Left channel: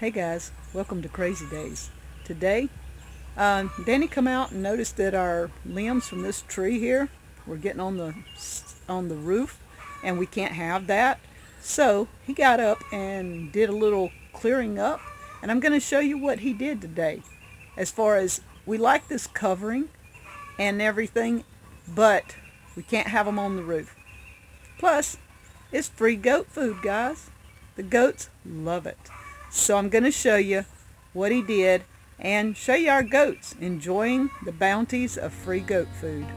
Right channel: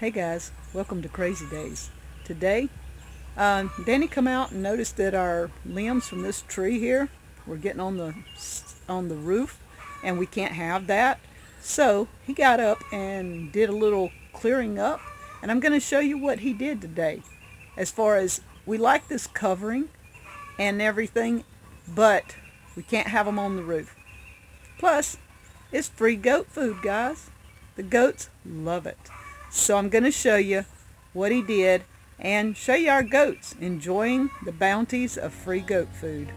Hey guys, welcome to Crazy Days. Today, Danny come out and noticed that our limbs from this tree here were getting on the roof, and we can't have that. So he got up and did a little clearing up, and I'm going to show you what he did today. As far as we like this covering and everything, but we can't have them on the roof. Plus, it's free goat food, guys. The goats love it. So I'm going to show you what he did and show you our goats enjoying the bounties of free goat food.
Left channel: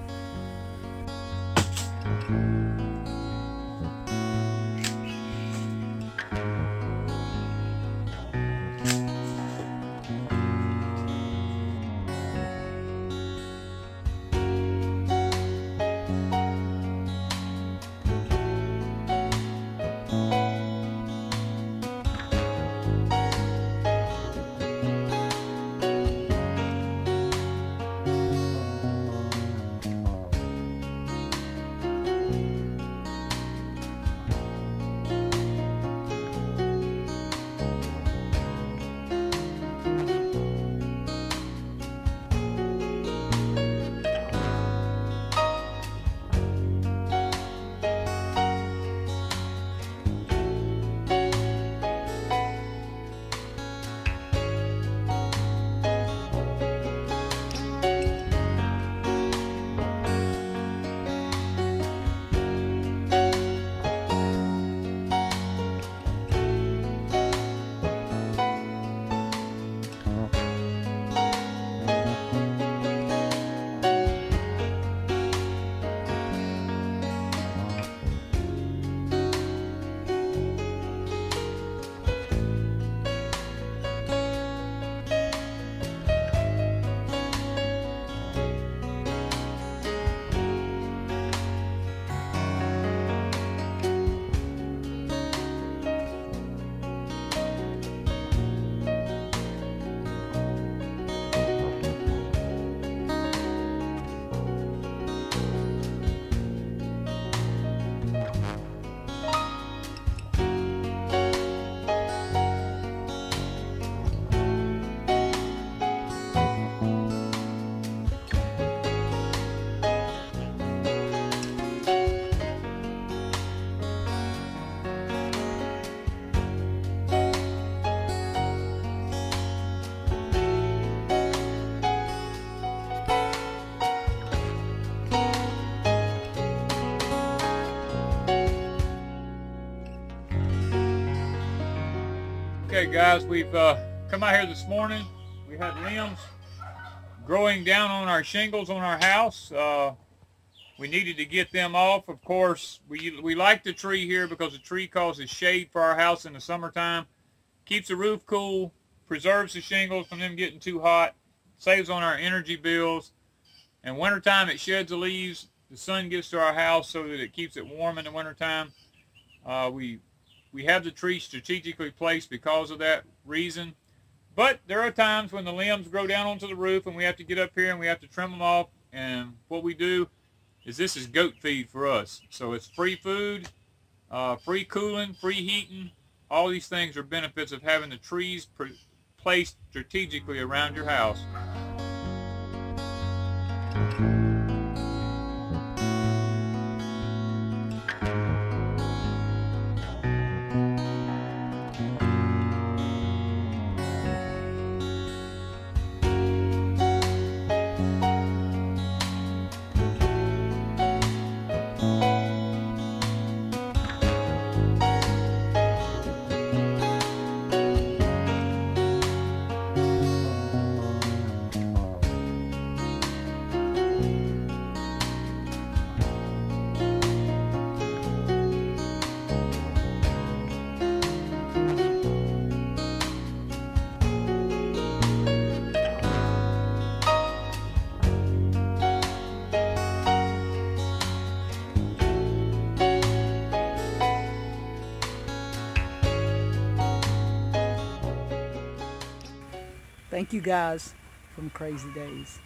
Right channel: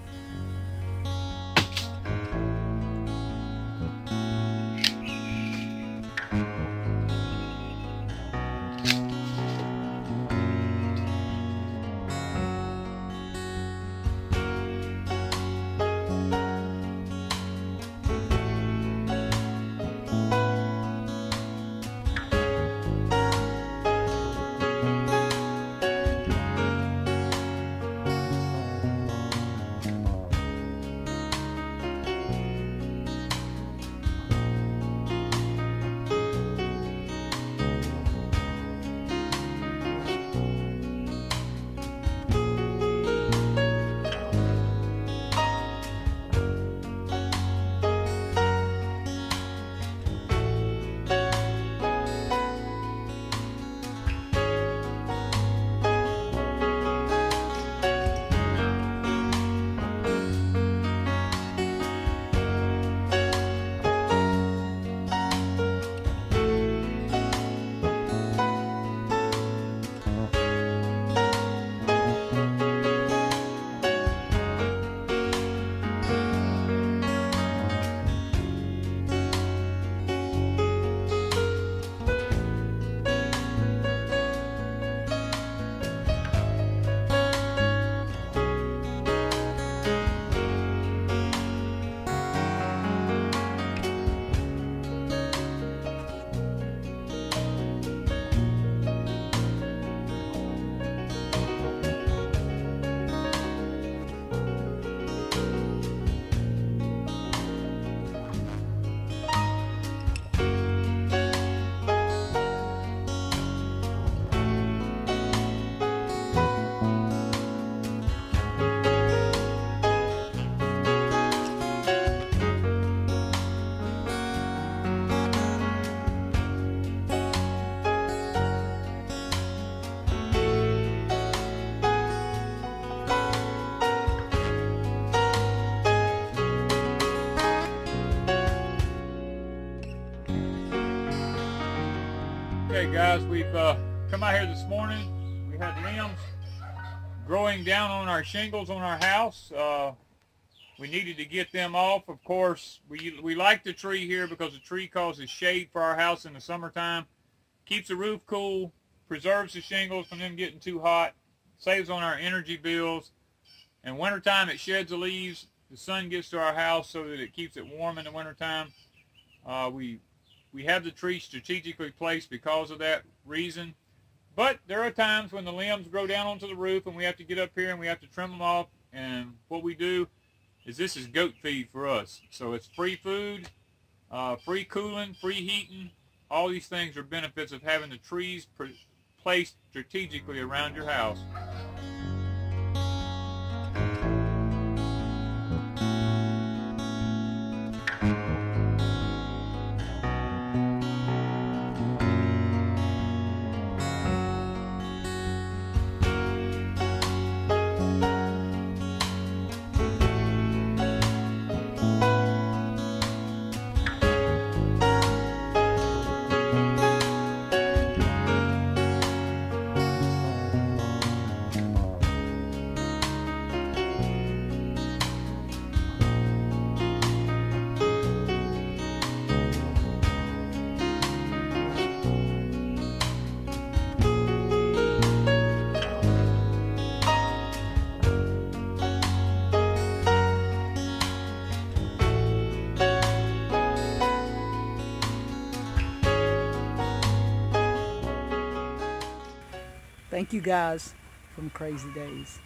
Okay guys, we've come out here this morning. We had limbs growing down on our shingles on our house. We needed to get them off. Of course, we like the tree here because the tree causes shade for our house in the summertime, keeps the roof cool, preserves the shingles from them getting too hot, saves on our energy bills. In wintertime, it sheds the leaves. The sun gets to our house so that it keeps it warm in the wintertime. We have the tree strategically placed because of that reason. But there are times when the limbs grow down onto the roof and we have to get up here and we have to trim them off. And what we do is this is goat feed for us. So it's free food, free cooling, free heating. All these things are benefits of having the trees placed strategically around your house. Thank you guys from Crazy Days.